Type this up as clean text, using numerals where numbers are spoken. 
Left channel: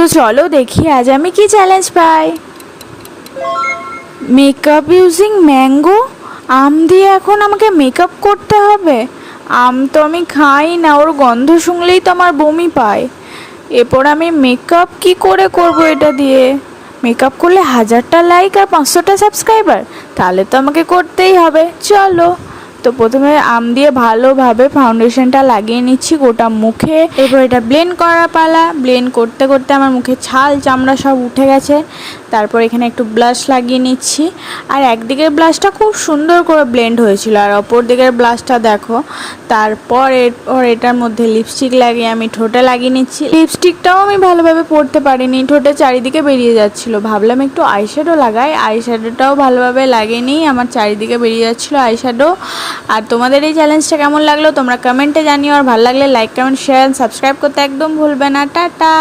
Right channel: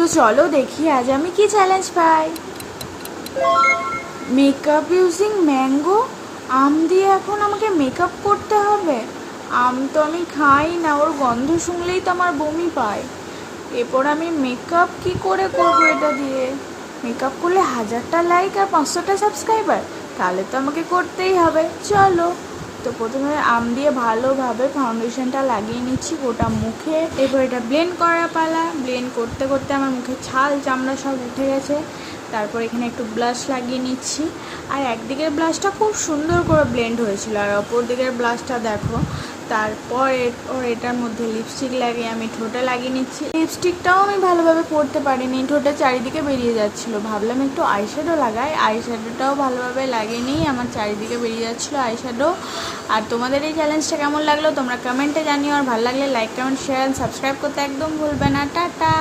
তো চলো দেখি আজ আমি কি চ্যালেঞ্জ পাই। Makeup using mango. আম দিয়ে এখন আমাকে মেকআপ করতে হবে। আম তো আমি খাই না, ওর গন্ধ শুনলেই তো আমার বমি পায়। এরপর আমি মেকআপ কি করে করব এটা দিয়ে? মেকআপ করলে 1000টা লাইক আর 500টা সাবস্ক্রাইবার, তাহলে তো আমাকে করতেই হবে। চলো, তো প্রথমে আম দিয়ে ভালোভাবে ফাউন্ডেশনটা লাগিয়ে নিচ্ছি গোটা মুখে। এরপর এটা ব্লেন্ড করা পালা। ব্লেন্ড করতে করতে আমার মুখে ছাল চামড়া সব উঠে গেছে। তারপর এখানে একটু ব্লাশ লাগিয়ে নিচ্ছি। আর একদিকের ব্লাশটা খুব সুন্দর করে ব্লেন্ড হয়েছিল, আর অপর দিকের ব্লাশটা দেখো। তারপর এরপর এটার মধ্যে লিপস্টিক লাগিয়ে আমি ঠোঁটে লাগিয়ে নিচ্ছি। লিপস্টিকটাও আমি ভালোভাবে পরতে পারিনি, ঠোঁটে চারিদিকে বেরিয়ে যাচ্ছিলো। ভাবলাম একটু আইশ্যাডো লাগাই, আইশ্যাডোটাও ভালোভাবে লাগিয়ে নিই, আমার চারিদিকে বেরিয়ে যাচ্ছিলো আইশ্যাডো। আর তোমাদের এই চ্যালেঞ্জটা কেমন লাগলো তোমরা কমেন্টে জানিও, আর ভালো লাগলে লাইক কমেন্ট শেয়ার সাবস্ক্রাইব করতে একদম ভুলবে না। টাটা।